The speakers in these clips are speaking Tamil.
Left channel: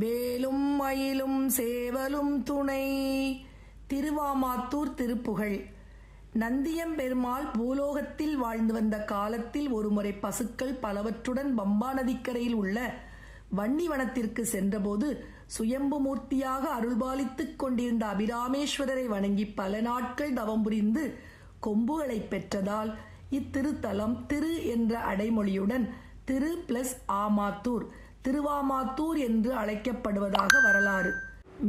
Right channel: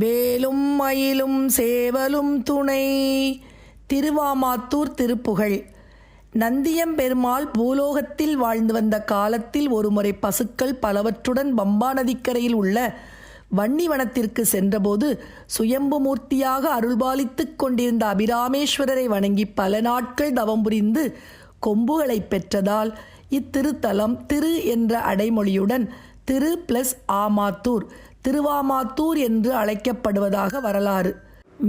வேலும் மயிலும் சேவலும் துணை. திருவாமாத்தூர் திருப்புகழ். நந்தியம்பெருமாள் பூலோகத்தில் வாழ்ந்து வந்த காலத்தில் ஒருமுறை பசுக்கள் பலவற்றுடன் பம்பா நதிக்கரையில் உள்ள வன்னிவனத்திற்கு சென்றபோது சுயம்புமூர்த்தியாக அருள்பாலித்துக் கொண்டிருந்த அபிராமேஸ்வரரை வணங்கி பல நாட்கள் தவம் புரிந்து கொம்புகளை பெற்றதால் இத்திருத்தலம் திரு என்ற அடைமொழியுடன் திரு + ஆமாத்தூர் திருவாமாத்தூர் என்று அழைக்கப்படுவதாக வரலாறு.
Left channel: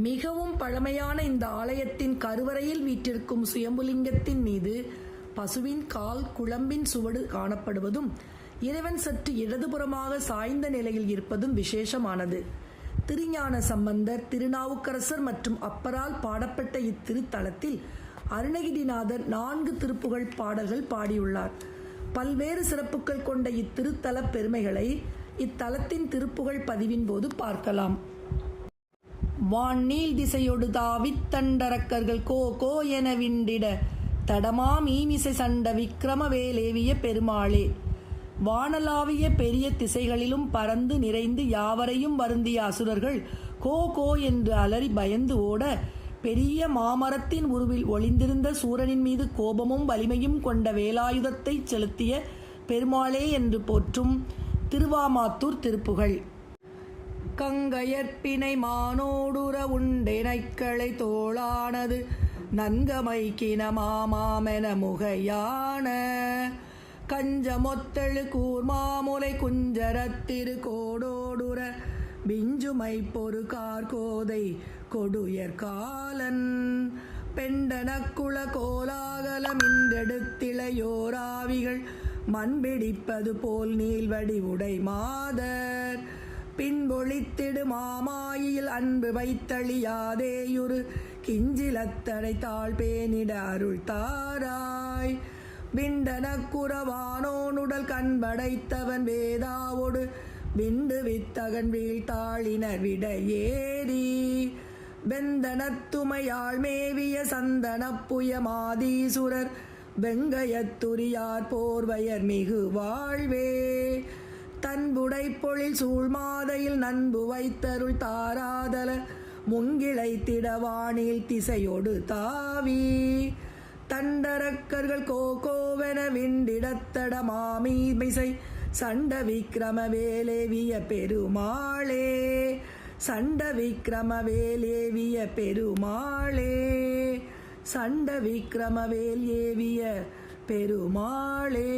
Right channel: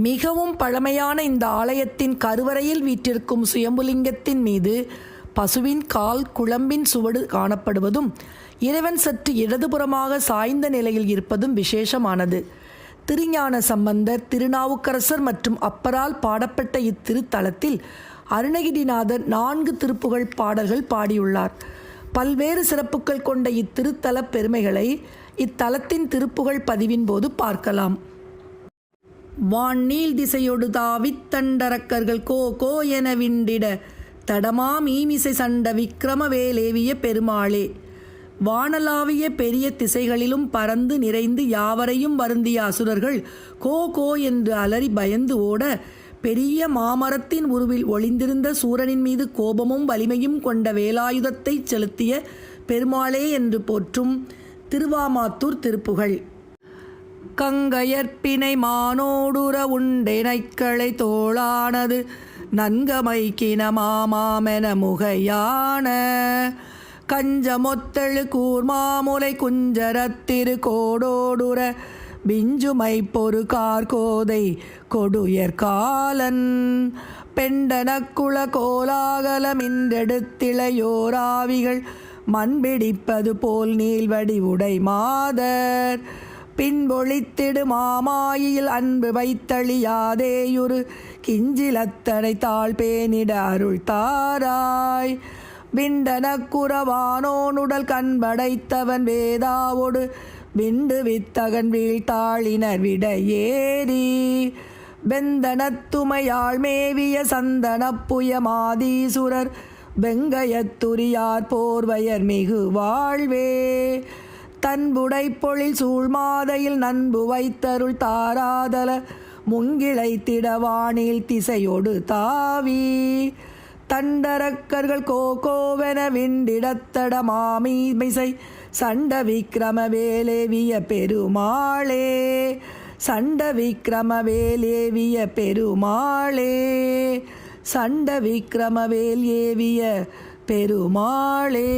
மிகவும் பழமையான இந்த ஆலயத்தின் கருவறையில் வீற்றிருக்கும் சுயம்புலிங்கத்தின் மீது பசுவின் கால் குழம்பின் சுவடு காணப்படுவதும் இறைவன் சற்று இடதுபுறமாக சாய்ந்த நிலையில் இருப்பதும் விசேஷமானது. திருஞான சம்பந்தர், திருநாவுக்கரசர் மற்றும் அப்பரால் பாடப்பட்ட இத்திருத்தலத்தில் அருணகிரிநாதர் 4 திருப்புகழ் பாடல்கள் பாடியுள்ளார். பல்வேறு சிறப்புகள் கொண்ட இத்திருத்தல பெருமைகளை இத்தலத்தின் திருப்புகழ் பதிவின் போது பார்க்கலாம். வான்நீள் திசையொடு தாவித் தண்டரக்கர்கள் கோ கோ என விண்டிட தடமா மீமிசை சண்ட விக்கிரம வேலேவிய பெருமாளே. வானலாவிய பெரிய திசைகளிலும் பறந்து நிறைந்து யாவரையும் வருந்திய அசுரர்கள் கோ கோ என்று அலறி பயந்து ஓட பெரிய மாமரத்தின் உருவில் ஒளிந்திருந்த சூரனின் மீது கோபமும் வலிமையும் கொண்ட வேலாயுதத்தை செலுத்திய பெருமாளே என்று போற்றும் திருவாமாத்தூர் திருப்புகழ். கங்கையற்பினை மானோடுற உண்டெனைக்களை தோளானது நன்கமைக்கின மாமாமென முகையான கஞ்சமொத்தழு கூர்மாமுலை குஞ்சரத்திரு கோடோடுற விஞ்சுமை பொறு கார்கோதை கொடுயர் காலன் பெண்டனக்குள கோலாகலமின்றெடுத்திளையோராவிகள் மண்பிடிப்பது போல் நீள்வடி உடை மாதர் பின்பொழித்திடு மாமாயில் அன்பு வைத்தளியாதேயுரு கிஞ்சிலத்தனை தாழ் பேனிட அருள் தாராய். விண்டனக்குறவானோனுடல் கண்படைத்தவன் வேதாவோடு விண்டு வித்தகன் வீழ்த்தாளினர் விட ஏறி வெந்தனத்துமையாள் மேவிய சந்தனப்புய மாதீசுரர் வெங்கயத்துரியார் போர்வயர் மிகு வாழ்வே. தன்புடை பொழில் சூழ்மாதையில் நண்பு வைத்தருள் தாராதல முங்கிளை திடவானில் திசையொடு தாவி தண்டரக்கர்கள் கோகோவென விண்டிடத்தட மாமீமிசை சண்ட விக்கிரம வேலேவிய பெருமாளே. சண்ட விக்கிரம வேலேவிய பெருமாளே. சண்ட விக்கிரம வேல் ஏவிய பெருமாளே.